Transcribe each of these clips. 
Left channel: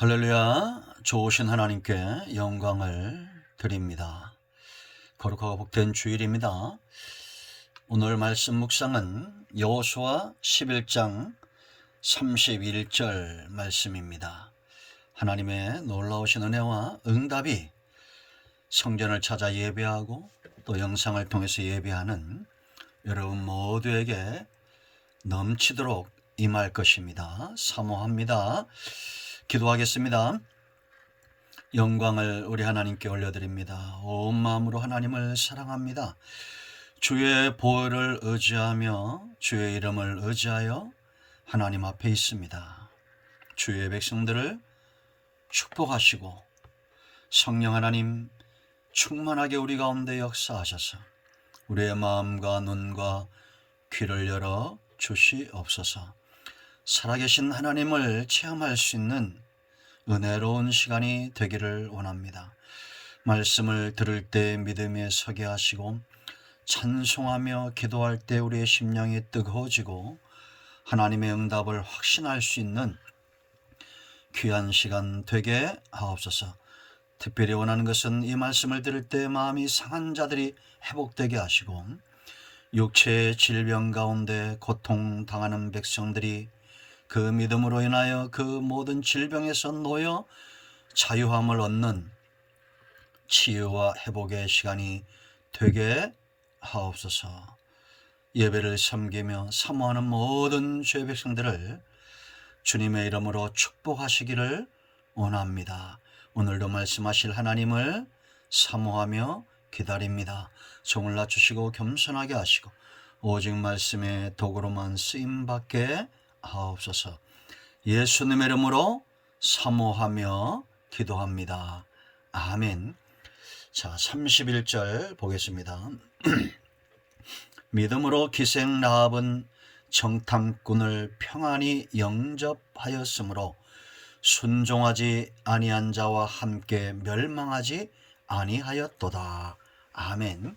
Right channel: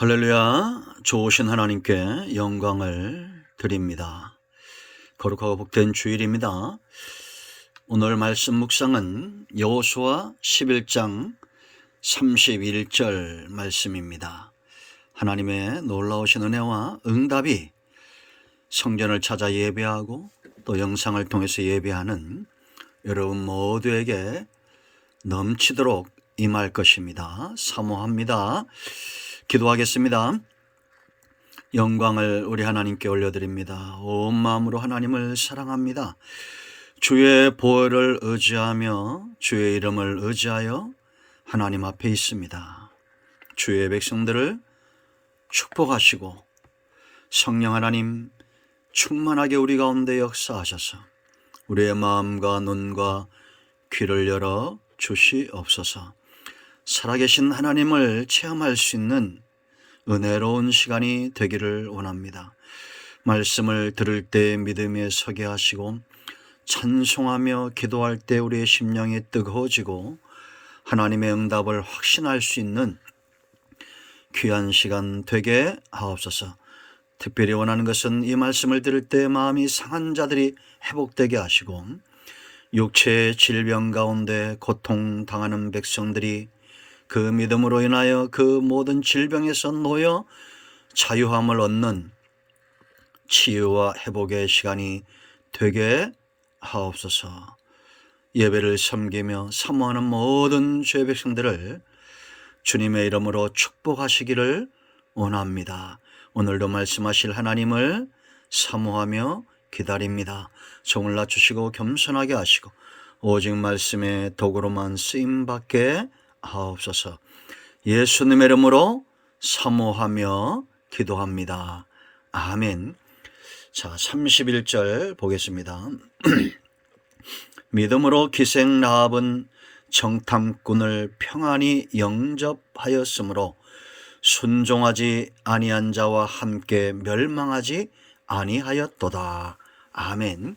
할렐루야. 좋으신 하나님께 영광을 드립니다. 거룩하고 복된 주일입니다. 오늘 말씀 묵상은 여호수아 11장 31절 말씀입니다. 하나님의 놀라우신 은혜와 응답이 성전을 찾아 예배하고 또 영상을 통해서 예배하는 여러분 모두에게 넘치도록 임할 것입니다. 사모합니다. 기도하겠습니다. 영광을 우리 하나님께 올려드립니다. 온 마음으로 하나님을 사랑합니다. 주의 보혈을 의지하며 주의 이름을 의지하여 하나님 앞에 있습니다. 주의 백성들을 축복하시고 성령 하나님 충만하게 우리 가운데 역사하셔서 우리의 마음과 눈과 귀를 열어 주시옵소서. 살아계신 하나님을 체험할 수 있는 은혜로운 시간이 되기를 원합니다. 말씀을 들을 때 믿음에 서게 하시고 찬송하며 기도할 때 우리의 심령이 뜨거워지고 하나님의 응답을 확신할 수 있는 귀한 시간 되게 하옵소서. 특별히 원하는 것은 이 말씀을 들을 때 마음이 상한 자들이 회복되게 하시고 육체의 질병 가운데 고통당하는 백성들이 그 믿음으로 인하여 그 모든 질병에서 놓여 자유함을 얻는 치유와 회복의 시간이 되게 하옵소서. 예배를 섬기며 사모하는 모든 죄 백성들을 주님의 이름으로 축복하시기를 원합니다. 오늘도 말씀하실 하나님을 사모하며 기다립니다. 종을 낮추시고 겸손하게 하시고 오직 말씀의 도구로만 쓰임받게 하옵소서. 예수님의 이름으로 사모하며 기도합니다. 아멘. 자, 31절 보겠습니다. 믿음으로 기생 라합은 정탐꾼을 평안히 영접하였으므로 순종하지 아니한 자와 함께 멸망하지 아니하였도다. 아멘.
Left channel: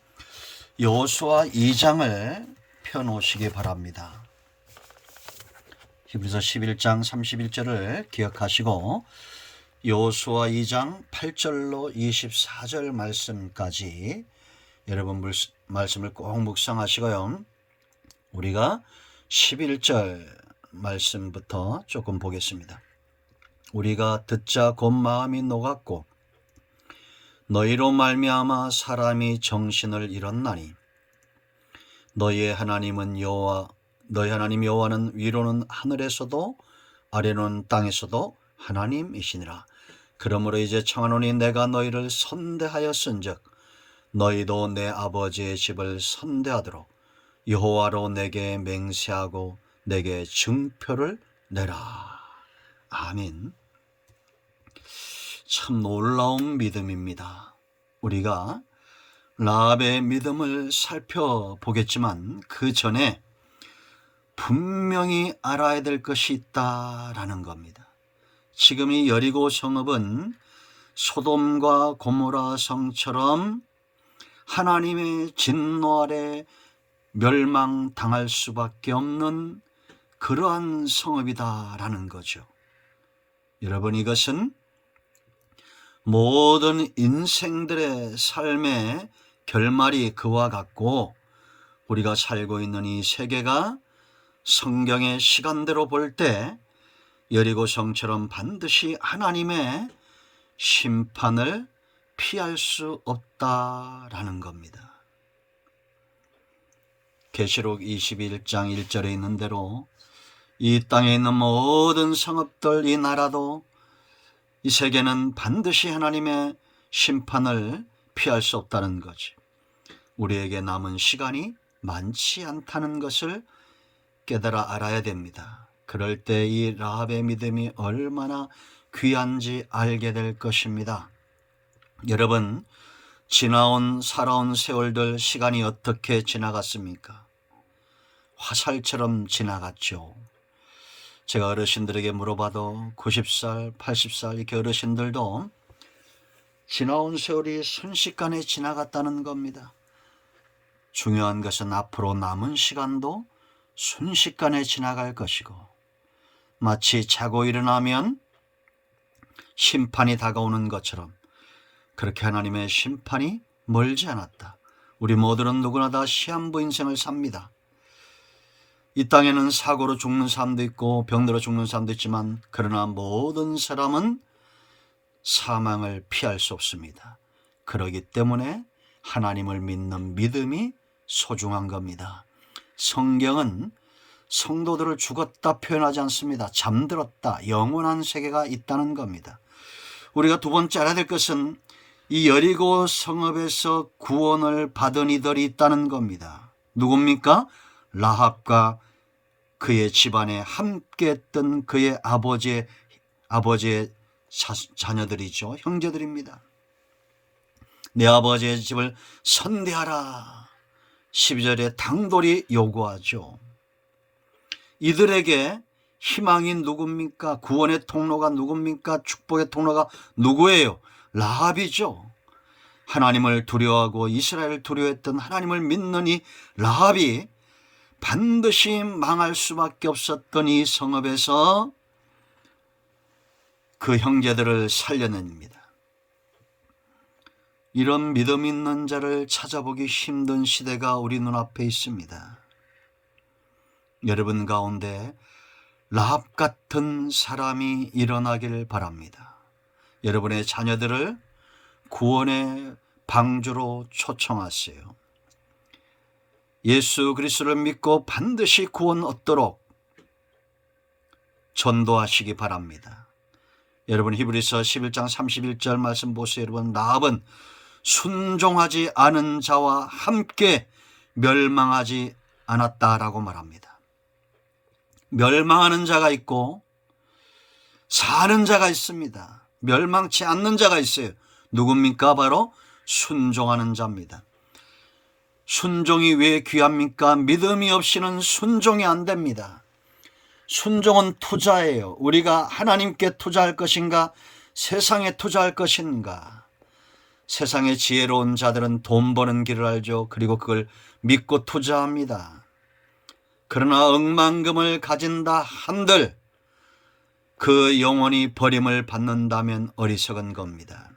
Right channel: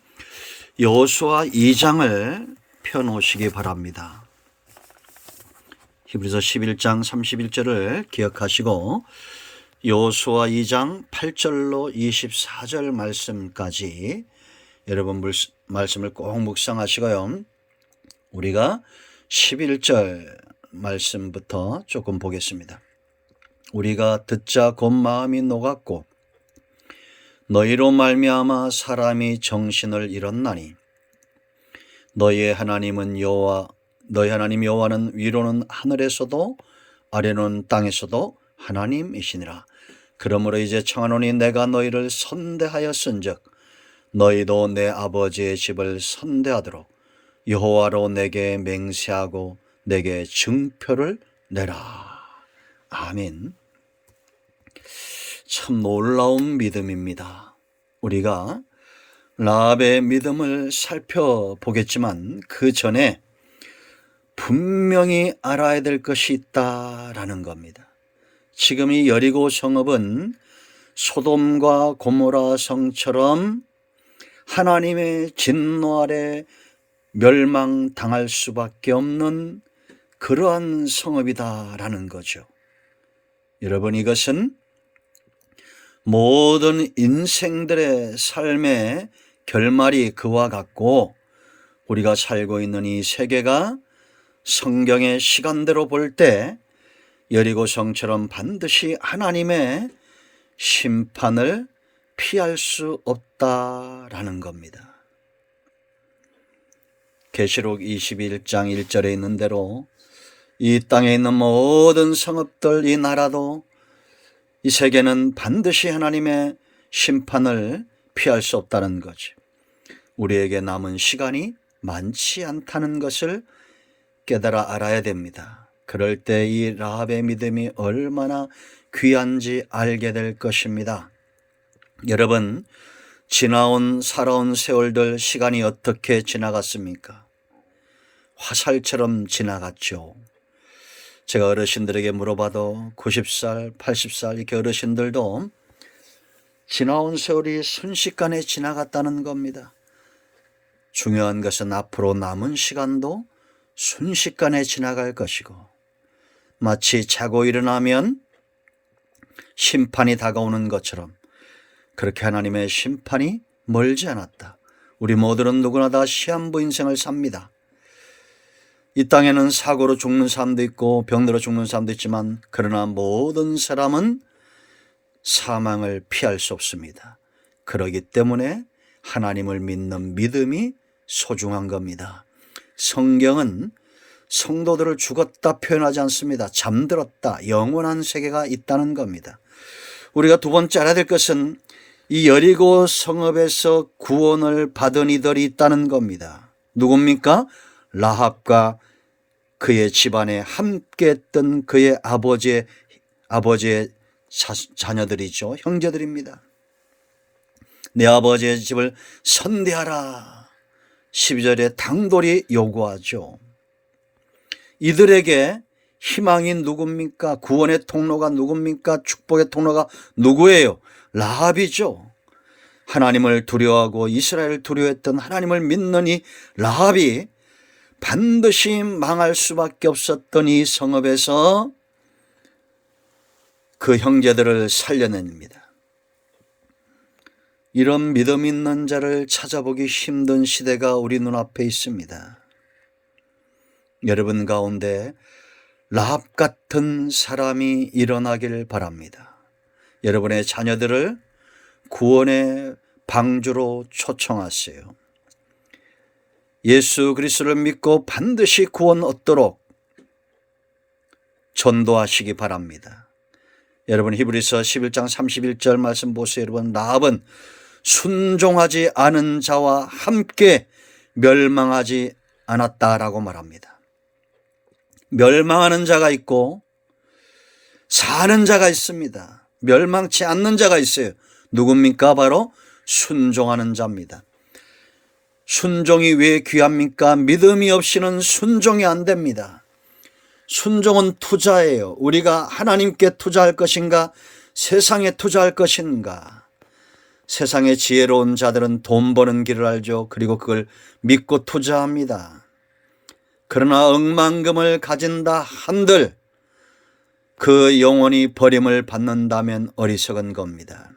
여호수아 2장을 펴놓으시기 바랍니다. 히브리서 11장 31절을 기억하시고 여호수아 2장 8절로 24절 말씀까지 여러분 말씀을 꼭 묵상하시고요. 우리가 11절 말씀부터 조금 보겠습니다. 우리가 듣자 곧 마음이 녹았고 너희로 말미암아 사람이 정신을 잃었나니 너희 하나님 여호와는 위로는 하늘에서도 아래로는 땅에서도 하나님이시니라. 그러므로 이제 청하노니 내가 너희를 선대하였은즉 너희도 내 아버지의 집을 선대하도록 여호와로 내게 맹세하고 내게 증표를 내라. 아멘. 참 놀라운 믿음입니다. 우리가 라합의 믿음을 살펴보겠지만 그 전에 분명히 알아야 될 것이 있다라는 겁니다. 지금 이 여리고 성읍은 소돔과 고모라 성처럼 하나님의 진노 아래 멸망당할 수밖에 없는 그러한 성읍이다라는 거죠. 여러분, 이것은 모든 인생들의 삶의 결말이 그와 같고 우리가 살고 있는 이 세계가 성경의 시간대로 볼 때 여리고 성처럼 반드시 하나님의 심판을 피할 수 없다라는 겁니다. 계시록 21장 1절에 있는 대로 이 땅에 있는 모든 성읍들, 이 나라도 이 세계는 반드시 하나님의 심판을 피할 수 없다는 거죠. 우리에게 남은 시간이 많지 않다는 것을 깨달아 알아야 됩니다. 그럴 때 이 라합의 믿음이 얼마나 귀한지 알게 될 것입니다. 여러분, 살아온 세월들 시간이 어떻게 지나갔습니까? 화살처럼 지나갔죠. 제가 어르신들에게 물어봐도 90살, 80살 이렇게 어르신들도 지나온 세월이 순식간에 지나갔다는 겁니다. 중요한 것은 앞으로 남은 시간도 순식간에 지나갈 것이고 마치 자고 일어나면 심판이 다가오는 것처럼 그렇게 하나님의 심판이 멀지 않았다. 우리 모두는 누구나 다 시한부 인생을 삽니다. 이 땅에는 사고로 죽는 사람도 있고 병들어 죽는 사람도 있지만 그러나 모든 사람은 사망을 피할 수 없습니다. 그렇기 때문에 하나님을 믿는 믿음이 소중한 겁니다. 성경은 성도들을 죽었다 표현하지 않습니다. 잠들었다, 영원한 세계가 있다는 겁니다. 우리가 두 번째 알아야 될 것은 이 여리고 성읍에서 구원을 받은 이들이 있다는 겁니다. 누굽니까? 라합과 그의 집안에 함께 했던 그의 아버지의 자녀들이죠. 형제들입니다. 내 아버지의 집을 선대하라. 12절에 당돌이 요구하죠. 이들에게 희망이 누굽니까? 구원의 통로가 누굽니까? 축복의 통로가 누구예요? 라합이죠. 하나님을 두려워하고 이스라엘을 두려워했던 하나님을 믿는 이 라합이 반드시 망할 수밖에 없었던 이 성읍에서 그 형제들을 살려냅니다. 이런 믿음 있는 자를 찾아보기 힘든 시대가 우리 눈앞에 있습니다. 여러분 가운데 라합 같은 사람이 일어나길 바랍니다. 여러분의 자녀들을 구원의 방주로 초청하세요. 예수 그리스도를 믿고 반드시 구원 얻도록 전도하시기 바랍니다. 여러분 히브리서 11장 31절 말씀 보세요. 여러분 라합은 순종하지 않은 자와 함께 멸망하지 않았다라고 말합니다. 멸망하는 자가 있고 사는 자가 있습니다. 멸망치 않는 자가 있어요. 누굽니까? 바로 순종하는 자입니다. 순종이 왜 귀합니까? 믿음이 없이는 순종이 안 됩니다. 순종은 투자예요. 우리가 하나님께 투자할 것인가? 세상에 투자할 것인가? 세상의 지혜로운 자들은 돈 버는 길을 알죠. 그리고 그걸 믿고 투자합니다. 그러나 억만금을 가진다 한들 그 영혼이 버림을 받는다면 어리석은 겁니다.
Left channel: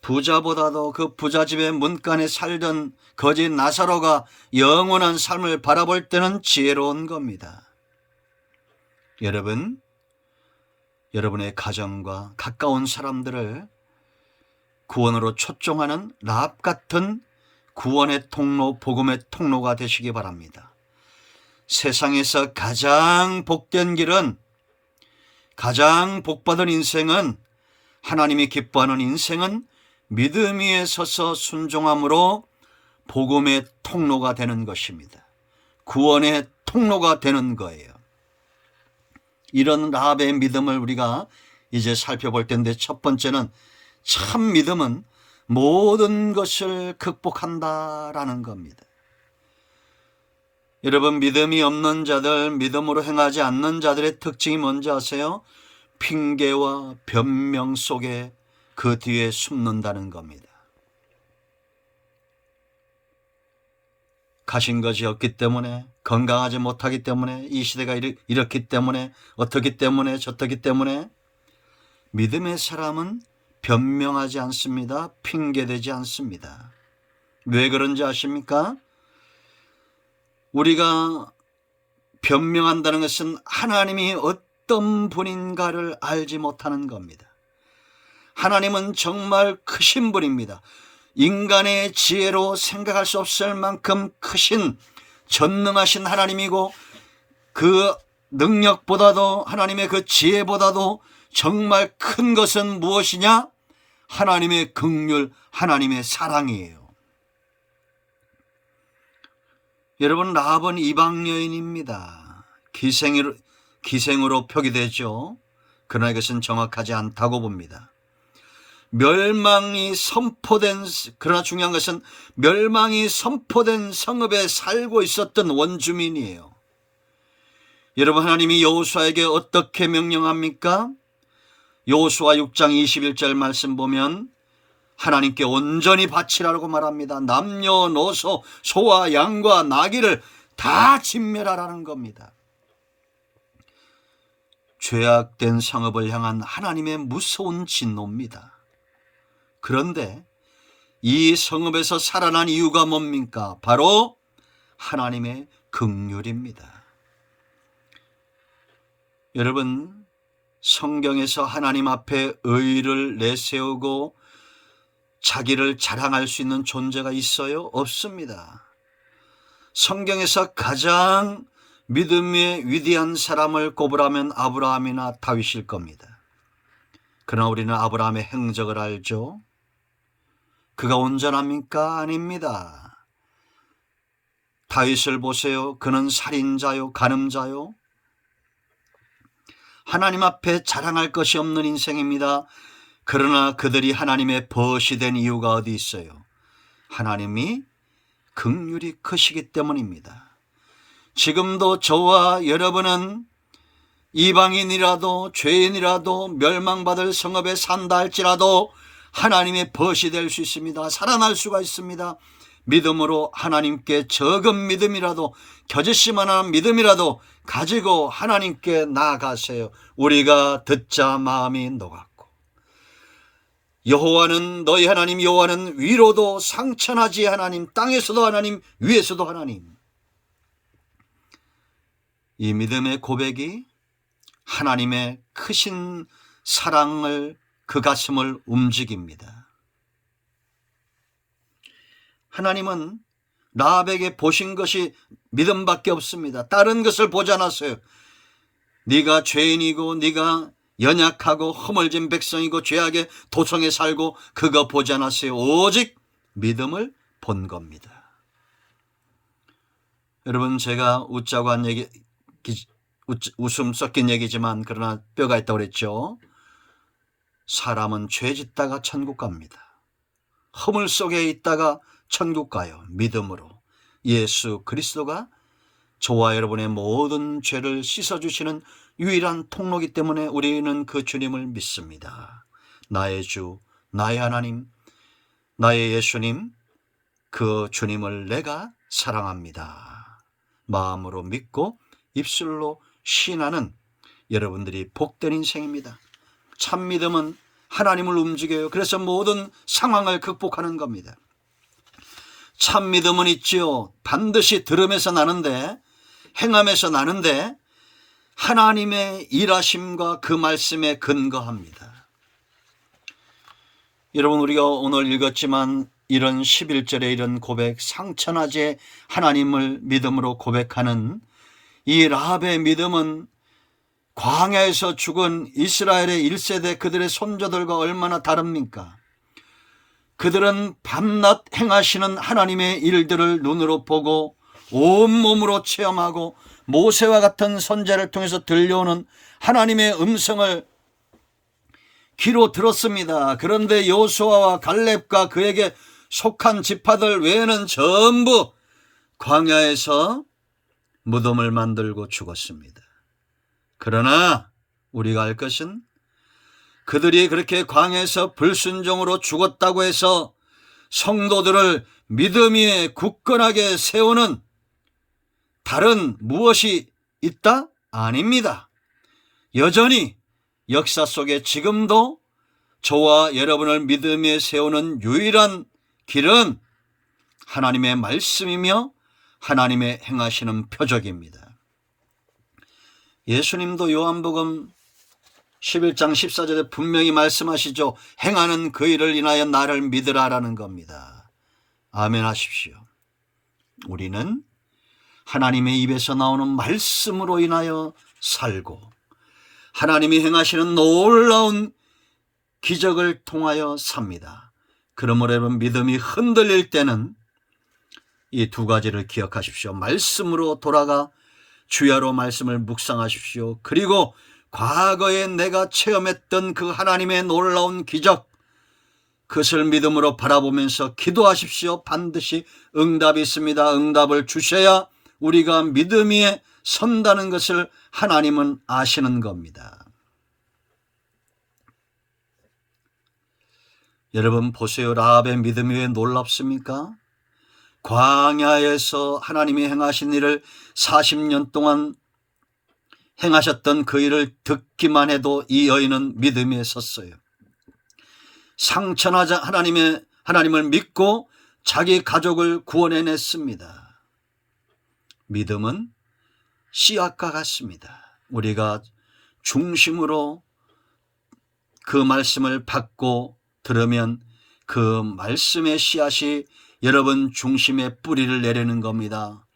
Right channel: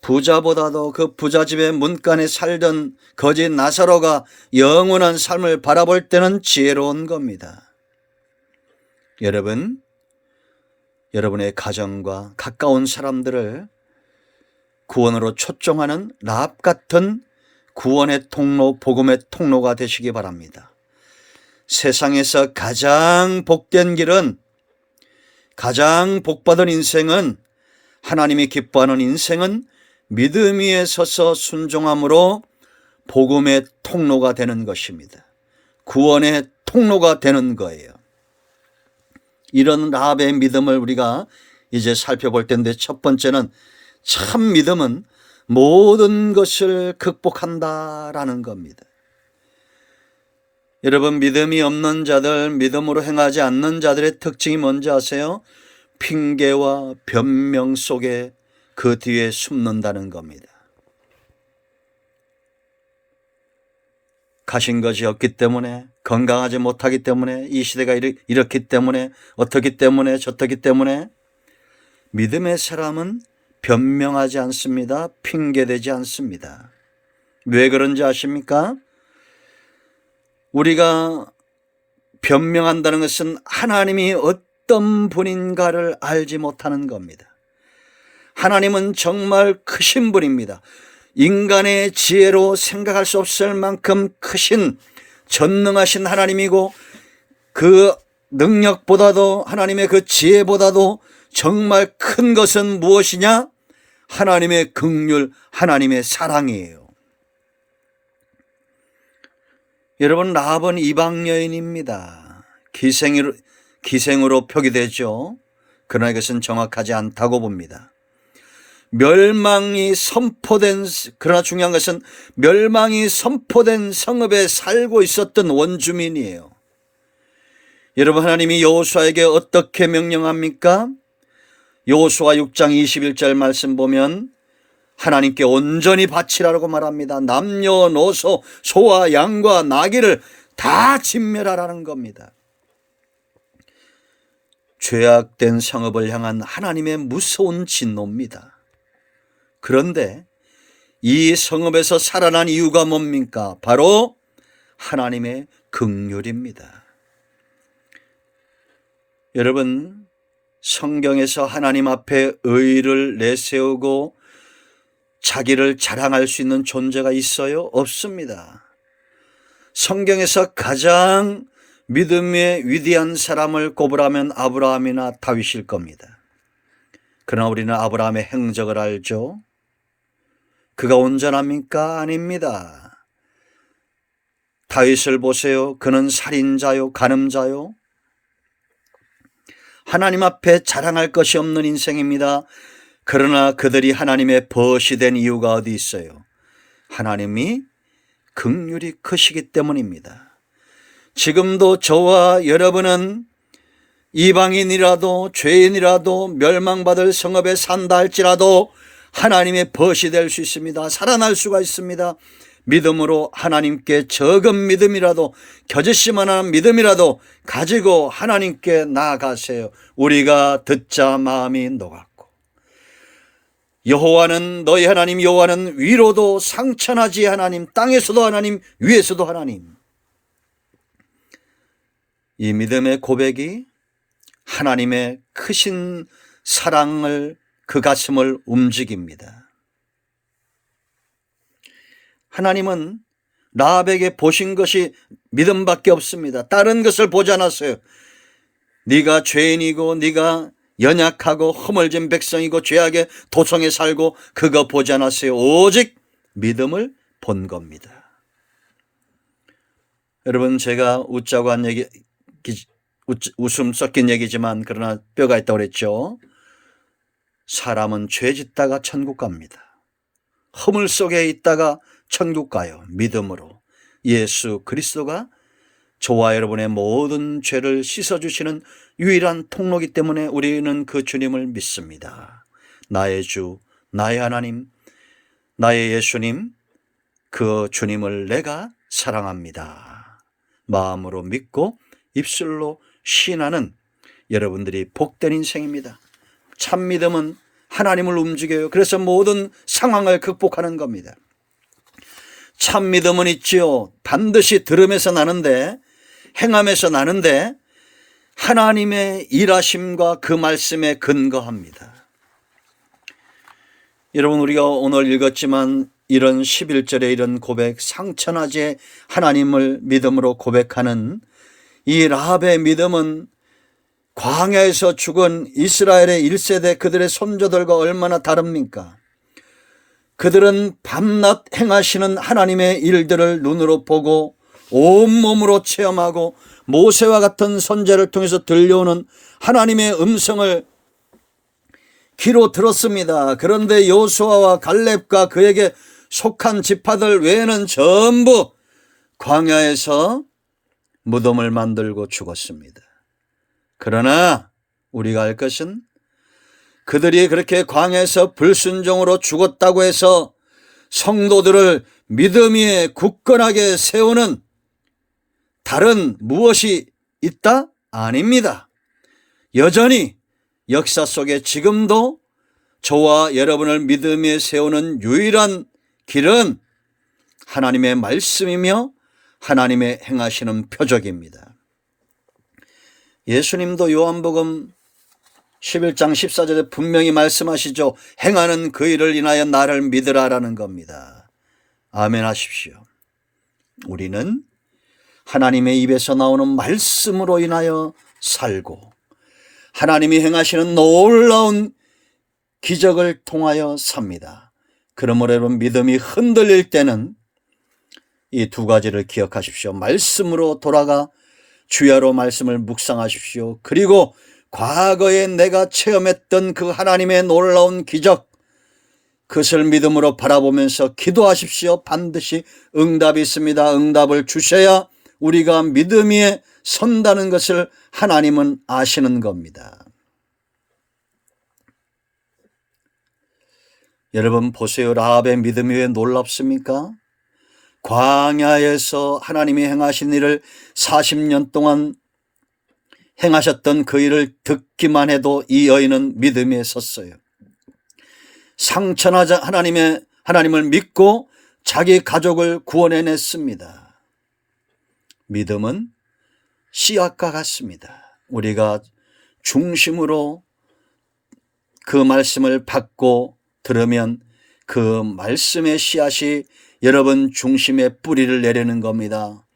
부자보다도 그 부자집의 문간에 살던 거지 나사로가 영원한 삶을 바라볼 때는 지혜로운 겁니다. 여러분의 가정과 가까운 사람들을 구원으로 초청하는 라합 같은 구원의 통로, 복음의 통로가 되시기 바랍니다. 세상에서 가장 복된 길은, 가장 복받은 인생은, 하나님이 기뻐하는 인생은 믿음 위에 서서 순종함으로 복음의 통로가 되는 것입니다. 구원의 통로가 되는 거예요. 이런 라합의 믿음을 우리가 이제 살펴볼 텐데, 첫 번째는 참 믿음은 모든 것을 극복한다라는 겁니다. 여러분 믿음이 없는 자들, 믿음으로 행하지 않는 자들의 특징이 뭔지 아세요? 핑계와 변명 속에 그 뒤에 숨는다는 겁니다. 가신 것이 없기 때문에, 건강하지 못하기 때문에, 이 시대가 이렇기 때문에, 어떻기 때문에, 저떻기 때문에 믿음의 사람은 변명하지 않습니다. 핑계대지 않습니다. 왜 그런지 아십니까? 우리가 변명한다는 것은 하나님이 어떤 분인가를 알지 못하는 겁니다. 하나님은 정말 크신 분입니다. 인간의 지혜로 생각할 수 없을 만큼 크신 전능하신 하나님이고, 그 능력보다도, 하나님의 그 지혜보다도 정말 큰 것은 무엇이냐? 하나님의 긍휼, 하나님의 사랑이에요. 여러분 라합은 이방 여인입니다. 기생으로 표기되죠. 그러나 이것은 정확하지 않다고 봅니다. 그러나 중요한 것은 멸망이 선포된 성읍에 살고 있었던 원주민이에요. 여러분 하나님이 여호수아에게 어떻게 명령합니까? 여호수아 6장 21절 말씀 보면 하나님께 온전히 바치라고 말합니다. 남녀노소, 소와 양과 나귀를 다 진멸하라는 겁니다. 죄악된 성읍을 향한 하나님의 무서운 진노입니다. 그런데 이 성읍에서 살아난 이유가 뭡니까? 바로 하나님의 긍휼입니다. 여러분, 성경에서 하나님 앞에 의를 내세우고 자기를 자랑할 수 있는 존재가 있어요? 없습니다. 성경에서 가장 믿음의 위대한 사람을 꼽으라면 아브라함이나 다윗일 겁니다. 그러나 우리는 아브라함의 행적을 알죠. 그가 온전합니까? 아닙니다. 다윗을 보세요. 그는 살인자요, 간음자요. 하나님 앞에 자랑할 것이 없는 인생입니다. 그러나 그들이 하나님의 벗이 된 이유가 어디 있어요? 하나님이 긍휼이 크시기 때문입니다. 지금도 저와 여러분은 이방인이라도 죄인이라도 멸망받을 성읍에 산다 할지라도 하나님의 벗이 될 수 있습니다. 살아날 수가 있습니다. 믿음으로 하나님께 적은 믿음이라도, 겨짓만한 믿음이라도 가지고 하나님께 나아가세요. 우리가 듣자 마음이 녹았고, 여호와는 너희 하나님 여호와는 위로도 상천하지 하나님, 땅에서도 하나님, 위에서도 하나님. 이 믿음의 고백이 하나님의 크신 사랑을, 그 가슴을 움직입니다. 하나님은 라합에게 보신 것이 믿음밖에 없습니다. 다른 것을 보지 않았어요. 네가 죄인이고 네가 연약하고 허물진 백성이고 죄악의 도성에 살고 그거 보지 않았어요. 오직 믿음을 본 겁니다. 여러분, 제가 웃자고 한 얘기, 웃음 섞인 얘기지만 그러나 뼈가 있다고 그랬죠. 사람은 죄 짓다가 천국 갑니다. 허물 속에 있다가 천국 가요. 믿음으로. 예수 그리스도가 저와 여러분의 모든 죄를 씻어주시는 유일한 통로이기 때문에 우리는 그 주님을 믿습니다. 나의 주, 나의 하나님, 나의 예수님, 그 주님을 내가 사랑합니다. 마음으로 믿고 입술로 시인하는 여러분들이 복된 인생입니다. 참 믿음은 하나님을 움직여요. 그래서 모든 상황을 극복하는 겁니다. 참 믿음은 있지요. 반드시 들음에서 나는데, 행함에서 나는데 하나님의 일하심과 그 말씀에 근거합니다. 여러분, 우리가 오늘 읽었지만 이런 11절에 이런 고백, 상천하지 하나님을 믿음으로 고백하는 이 라합의 믿음은 광야에서 죽은 이스라엘의 1세대 그들의 손자들과 얼마나 다릅니까? 그들은 밤낮 행하시는 하나님의 일들을 눈으로 보고 온몸으로 체험하고 모세와 같은 선지자를 통해서 들려오는 하나님의 음성을 귀로 들었습니다. 그런데 여호수아와 갈렙과 그에게 속한 지파들 외에는 전부 광야에서 무덤을 만들고 죽었습니다. 그러나 우리가 알 것은 그들이 그렇게 광야에서 불순종으로 죽었다고 해서 성도들을 믿음 위에 굳건하게 세우는 다른 무엇이 있다? 아닙니다. 여전히 역사 속에 지금도 저와 여러분을 믿음 위에 세우는 유일한 길은 하나님의 말씀이며 하나님의 행하시는 표적입니다. 예수님도 요한복음 11장 14절에 분명히 말씀하시죠. 행하는 그 일을 인하여 나를 믿으라라는 겁니다. 아멘 하십시오. 우리는 하나님의 입에서 나오는 말씀으로 인하여 살고 하나님이 행하시는 놀라운 기적을 통하여 삽니다. 그러므로 여러분, 믿음이 흔들릴 때는 이 두 가지를 기억하십시오. 말씀으로 돌아가 주야로 말씀을 묵상하십시오. 그리고 과거에 내가 체험했던 그 하나님의 놀라운 기적, 그것을 믿음으로 바라보면서 기도하십시오. 반드시 응답이 있습니다. 응답을 주셔야 우리가 믿음 위에 선다는 것을 하나님은 아시는 겁니다. 여러분 보세요. 라합의 믿음이 왜 놀랍습니까? 광야에서 하나님이 행하신 일을 40년 동안 행하셨던 그 일을 듣기만 해도 이 여인은 믿음에 섰어요. 상처나자 하나님을 믿고 자기 가족을 구원해냈습니다. 믿음은 씨앗과 같습니다. 우리가 중심으로 그 말씀을 받고 들으면 그 말씀의 씨앗이 여러분 중심에 뿌리를 내리는 겁니다.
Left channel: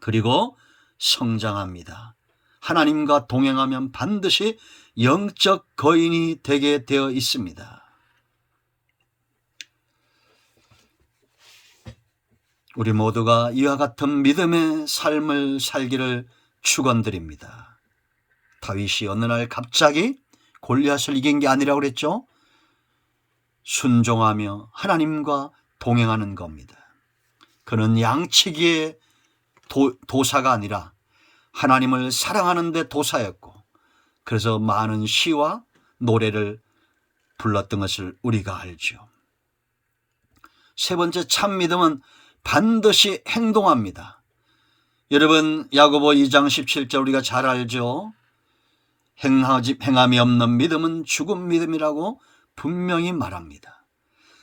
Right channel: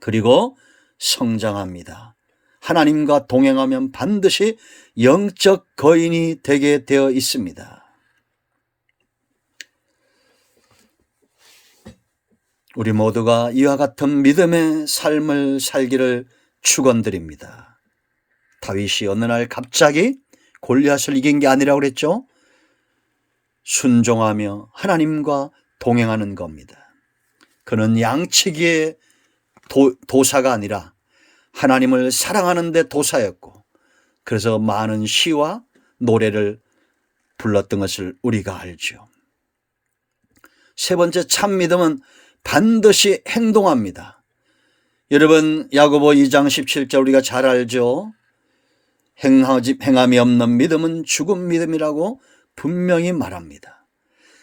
그리고 성장합니다. 하나님과 동행하면 반드시 영적 거인이 되게 되어 있습니다. 우리 모두가 이와 같은 믿음의 삶을 살기를 축원드립니다. 다윗이 어느 날 갑자기 골리앗을 이긴 게 아니라고 그랬죠? 순종하며 하나님과 동행하는 겁니다. 그는 양치기의 도사가 아니라 하나님을 사랑하는 데 도사였고, 그래서 많은 시와 노래를 불렀던 것을 우리가 알죠. 세 번째, 참 믿음은 반드시 행동합니다. 여러분, 야고보 2장 17절 우리가 잘 알죠? 행함이 없는 믿음은 죽은 믿음이라고 분명히 말합니다.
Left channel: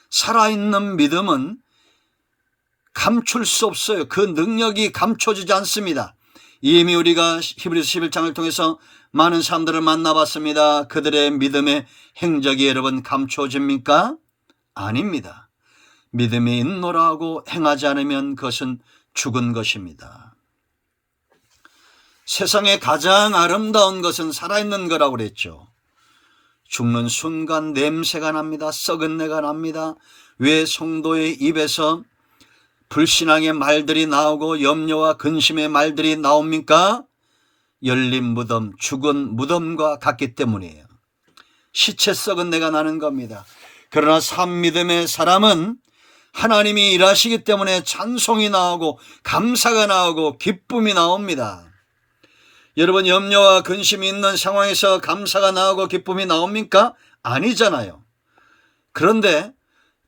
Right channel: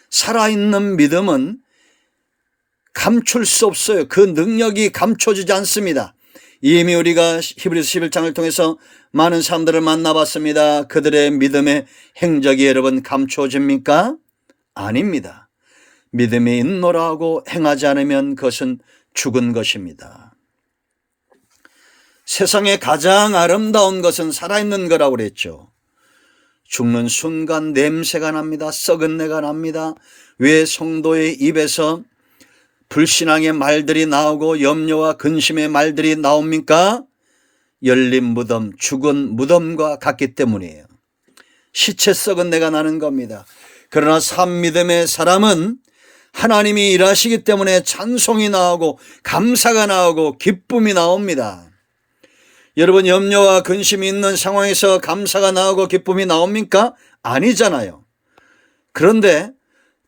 살아있는 믿음은 감출 수 없어요. 그 능력이 감춰지지 않습니다. 이미 우리가 히브리서 11장을 통해서 많은 사람들을 만나봤습니다. 그들의 믿음의 행적이 여러분 감춰집니까? 아닙니다. 믿음이 있노라 하고 행하지 않으면 그것은 죽은 것입니다. 세상에 가장 아름다운 것은 살아있는 거라고 그랬죠. 죽는 순간 냄새가 납니다. 썩은 내가 납니다. 왜 성도의 입에서 불신앙의 말들이 나오고 염려와 근심의 말들이 나옵니까? 열린 무덤, 죽은 무덤과 같기 때문이에요. 시체 썩은 내가 나는 겁니다. 그러나 산 믿음의 사람은 하나님이 일하시기 때문에 찬송이 나오고 감사가 나오고 기쁨이 나옵니다. 여러분, 염려와 근심이 있는 상황에서 감사가 나오고 기쁨이 나옵니까? 아니잖아요. 그런데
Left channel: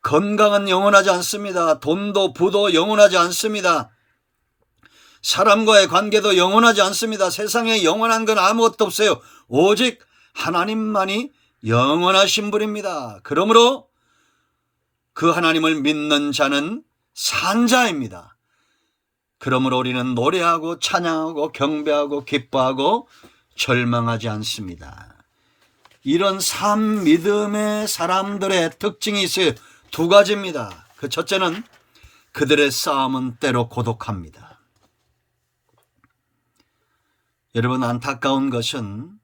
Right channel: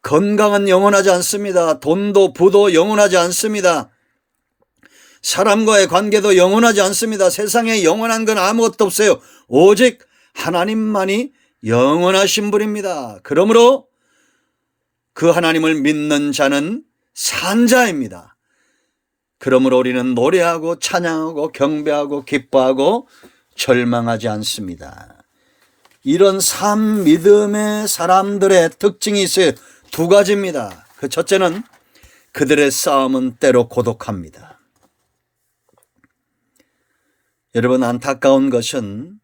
건강은 영원하지 않습니다. 돈도 부도 영원하지 않습니다. 사람과의 관계도 영원하지 않습니다. 세상에 영원한 건 아무것도 없어요. 오직 하나님만이 영원하신 분입니다. 그러므로 그 하나님을 믿는 자는 산 자입니다. 그러므로 우리는 노래하고 찬양하고 경배하고 기뻐하고 절망하지 않습니다. 이런 산 믿음의 사람들의 특징이 있어요. 두 가지입니다. 그 첫째는 그들의 싸움은 때로 고독합니다. 여러분, 안타까운 것은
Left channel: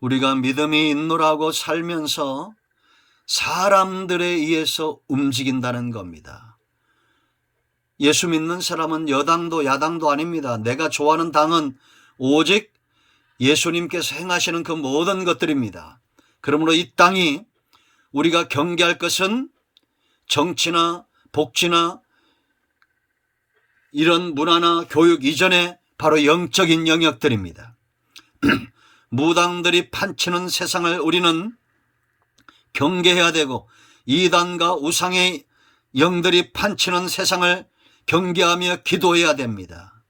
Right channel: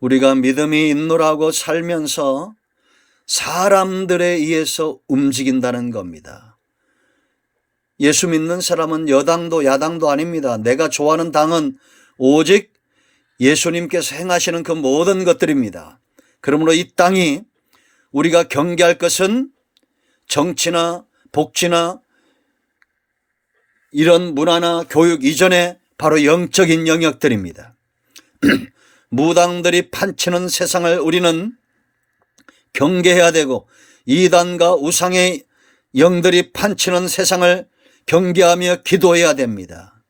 우리가 믿음이 있노라고 살면서 사람들에 의해서 움직인다는 겁니다. 예수 믿는 사람은 여당도 야당도 아닙니다. 내가 좋아하는 당은 오직 예수님께서 행하시는 그 모든 것들입니다. 그러므로 이 땅이 우리가 경계할 것은 정치나 복지나 이런 문화나 교육 이전에 바로 영적인 영역들입니다. 무당들이 판치는 세상을 우리는 경계해야 되고, 이단과 우상의 영들이 판치는 세상을 경계하며 기도해야 됩니다.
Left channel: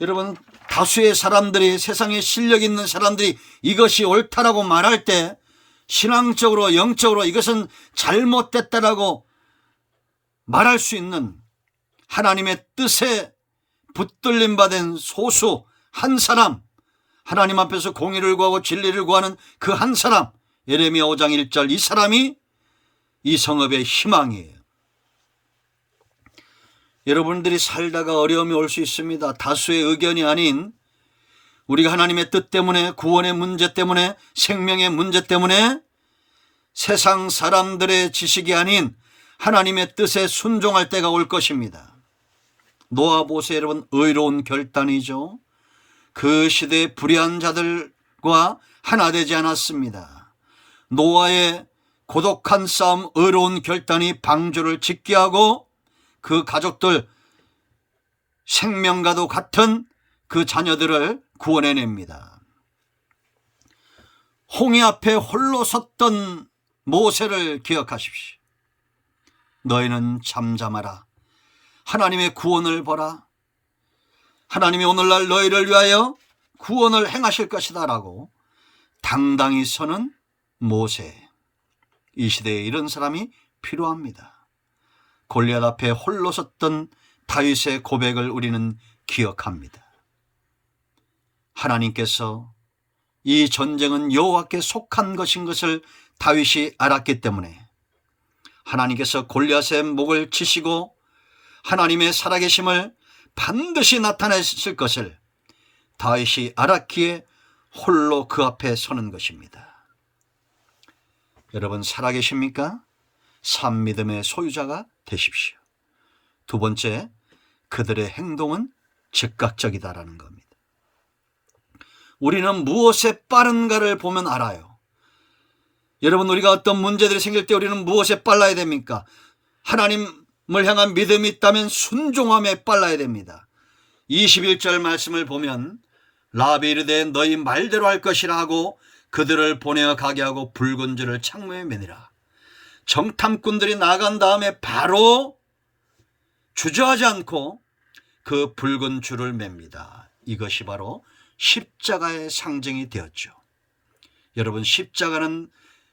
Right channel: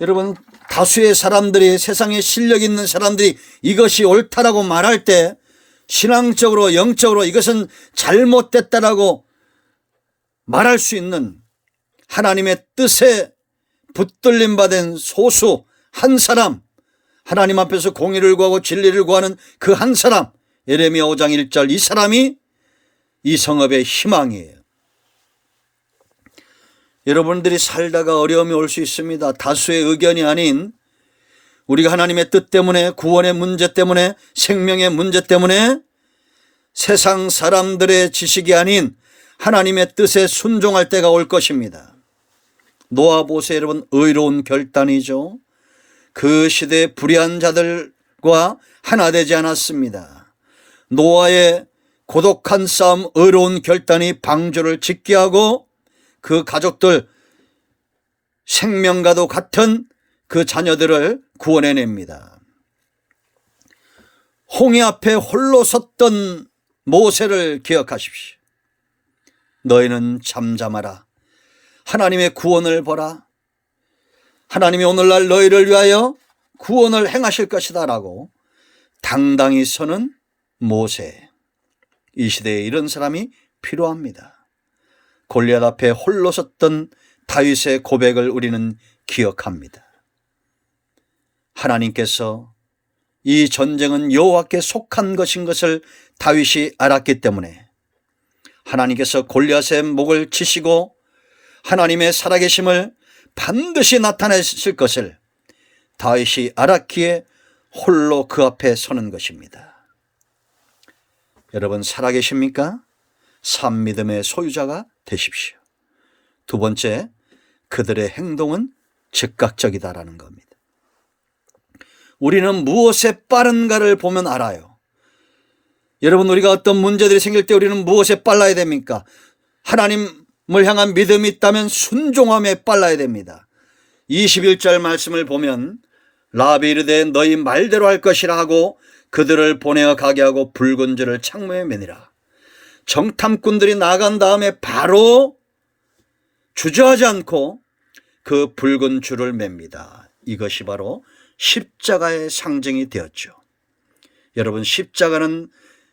여러분, 다수의 사람들이, 세상에 실력 있는 사람들이 이것이 옳다라고 말할 때 신앙적으로 영적으로 이것은 잘못됐다라고 말할 수 있는 하나님의 뜻에 붙들림 받은 소수 한 사람, 하나님 앞에서 공의를 구하고 진리를 구하는 그 한 사람, 예레미야 5장 1절, 이 사람이 이 성읍의 희망이에요. 여러분들이 살다가 어려움이 올 수 있습니다. 다수의 의견이 아닌 우리가 하나님의 뜻 때문에, 구원의 문제 때문에, 생명의 문제 때문에 세상 사람들의 지식이 아닌 하나님의 뜻에 순종할 때가 올 것입니다. 노아 보세요, 여러분. 의로운 결단이죠. 그 시대의 불의한 자들과 하나 되지 않았습니다. 노아의 고독한 싸움, 의로운 결단이 방주를 짓게 하고 그 가족들, 생명과도 같은 그 자녀들을 구원해냅니다. 홍해 앞에 홀로 섰던 모세를 기억하십시오. 너희는 잠잠하라. 하나님의 구원을 보라. 하나님이 오늘날 너희를 위하여 구원을 행하실 것이다 라고 당당히 서는 모세. 이 시대에 이런 사람이 필요합니다. 골리앗 앞에 홀로 섰던 다윗의 고백을 우리는 기억합니다. 하나님께서 이 전쟁은 여호와께 속한 것인 것을 다윗이 알았기 때문에 하나님께서 골리앗의 목을 치시고 하나님의 살아계심을 반드시 나타내실 것을 다윗이 알았기에 홀로 그 앞에 서는 것입니다. 여러분 살아계십니까? 산 믿음의 소유자가 되십시오. 두 번째, 그들의 행동은 즉각적이다라는 겁니다. 우리는 무엇에 빠른가를 보면 알아요. 여러분, 우리가 어떤 문제들이 생길 때 우리는 무엇에 빨라야 됩니까? 하나님을 향한 믿음이 있다면 순종함에 빨라야 됩니다. 21절 말씀을 보면 라합이 이르되 너희 말대로 할 것이라 하고 그들을 보내어 가게 하고 붉은 줄을 창문에 매니라. 정탐꾼들이 나간 다음에 바로 주저하지 않고 그 붉은 줄을 맵니다. 이것이 바로 십자가의 상징이 되었죠. 여러분, 십자가는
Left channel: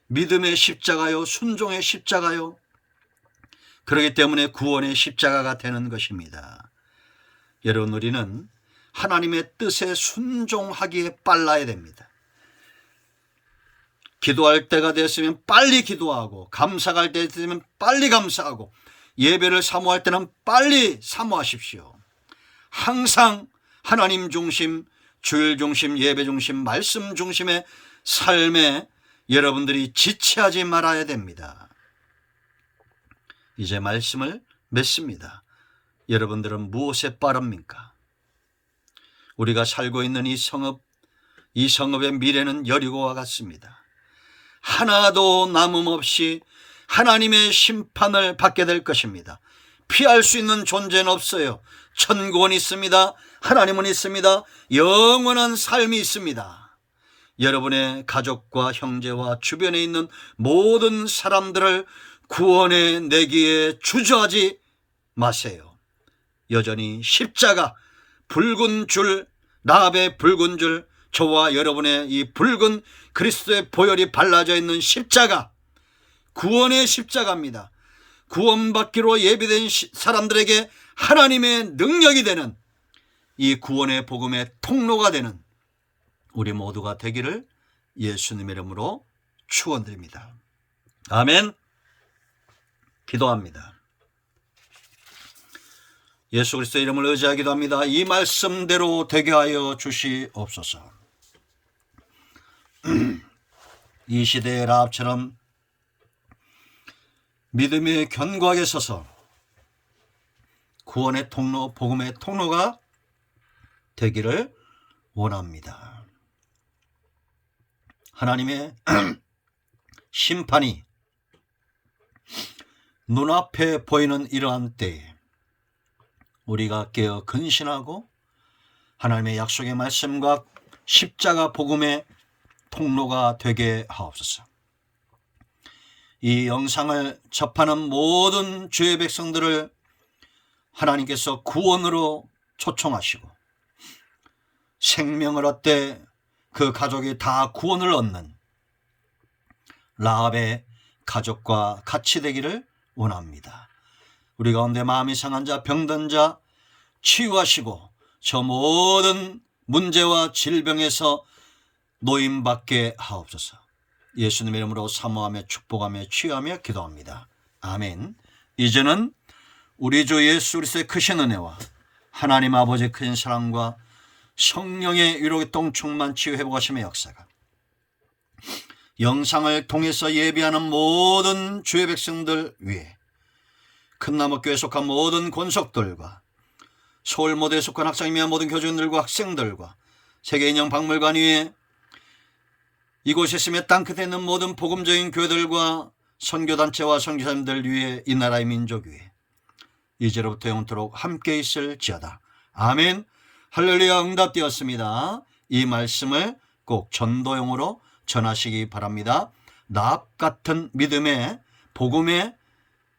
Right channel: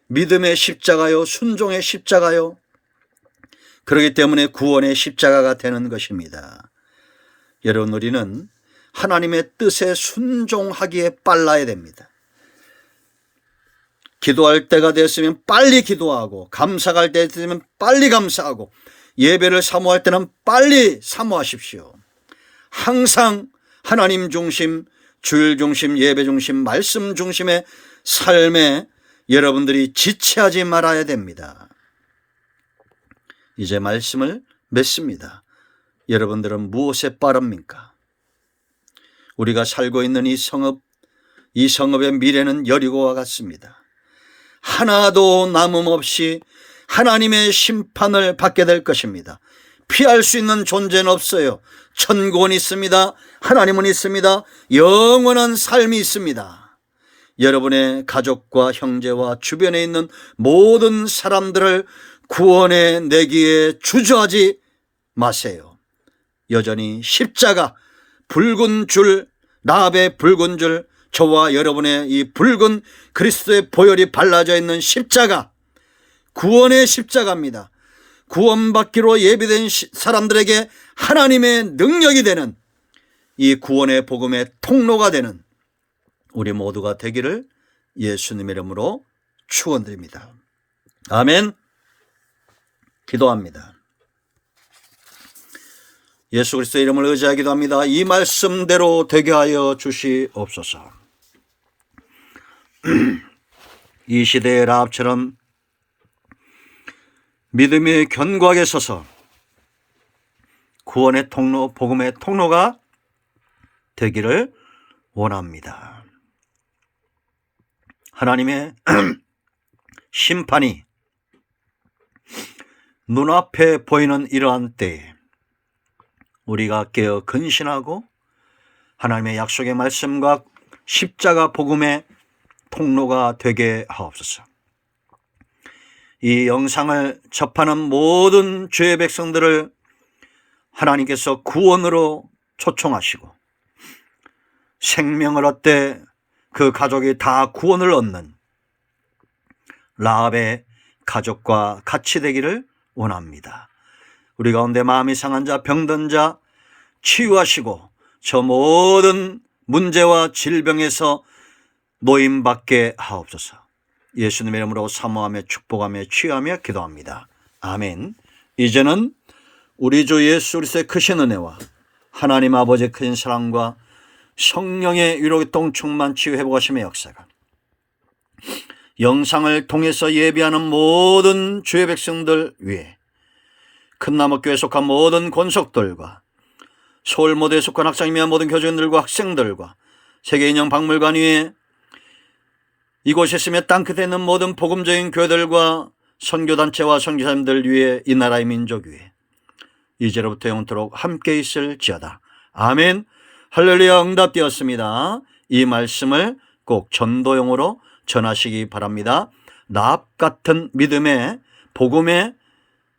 믿음의 십자가요, 순종의 십자가요. 그렇기 때문에 구원의 십자가가 되는 것입니다. 여러분, 우리는 하나님의 뜻에 순종하기에 빨라야 됩니다. 기도할 때가 됐으면 빨리 기도하고, 감사가 할 때 됐으면 빨리 감사하고, 예배를 사모할 때는 빨리 사모하십시오. 항상 하나님 중심, 주일 중심, 예배 중심, 말씀 중심의 삶에 여러분들이 지체하지 말아야 됩니다. 이제 말씀을 맺습니다. 여러분들은 무엇에 빠릅니까? 우리가 살고 있는 이 성읍의 미래는 여리고와 같습니다. 하나도 남음없이 하나님의 심판을 받게 될 것입니다. 피할 수 있는 존재는 없어요. 천국은 있습니다. 하나님은 있습니다. 영원한 삶이 있습니다. 여러분의 가족과 형제와 주변에 있는 모든 사람들을 구원해 내기에 주저하지 마세요. 여전히 십자가, 붉은 줄, 라합의 붉은 줄, 저와 여러분의 이 붉은 그리스도의 보혈이 발라져 있는 십자가, 구원의 십자가입니다. 구원받기로 예비된 사람들에게 하나님의 능력이 되는 이 구원의 복음의 통로가 되는 우리 모두가 되기를 예수님의 이름으로 축원드립니다. 아멘. 기도합니다. 예수 그리스도의 이름을 의지하기도 합니다. 이 말씀대로 되게 하여 주시옵소서. 이 시대의 라합처럼 믿음이 견고하게 서서 구원의 통로, 복음의 통로가 되기를 원합니다. 하나님의 심판이 눈앞에 보이는 이러한 때에 우리가 깨어 근신하고 하나님의 약속의 말씀과 십자가 복음의 통로가 되게 하옵소서. 이 영상을 접하는 모든 주의 백성들을 하나님께서 구원으로 초청하시고 생명을 얻되 그 가족이 다 구원을 얻는 라합의 가족과 같이 되기를 원합니다. 우리 가운데 마음이 상한 자, 병든 자 치유하시고 저 모든 문제와 질병에서 노임받게 하옵소서. 예수님의 이름으로 사모하며 축복하며 치유하며 기도합니다. 아멘. 이제는 우리 주 예수 그리스도의 크신 은혜와 하나님 아버지의 크신 사랑과 성령의 위로의 통충만 치유 회복하심의 역사가 영상을 통해서 예비하는 모든 주의 백성들 위에 큰나무교회에 속한 모든 권속들과 서울모대에 속한 학생이며 모든 교직원들과 학생들과 세계인형박물관 위에 이곳에 있으며 땅끝에 있는 모든 복음적인 교회들과 선교단체와 선교사님들 위에 이 나라의 민족 위에 이제로부터 영원토록 함께 있을지어다. 아멘. 할렐루야. 응답되었습니다. 이 말씀을 꼭 전도용으로 전하시기 바랍니다. 라합 같은 믿음의 복음의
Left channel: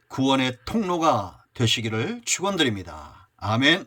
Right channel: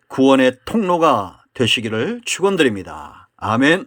구원의 통로가 되시기를 축원드립니다. 아멘.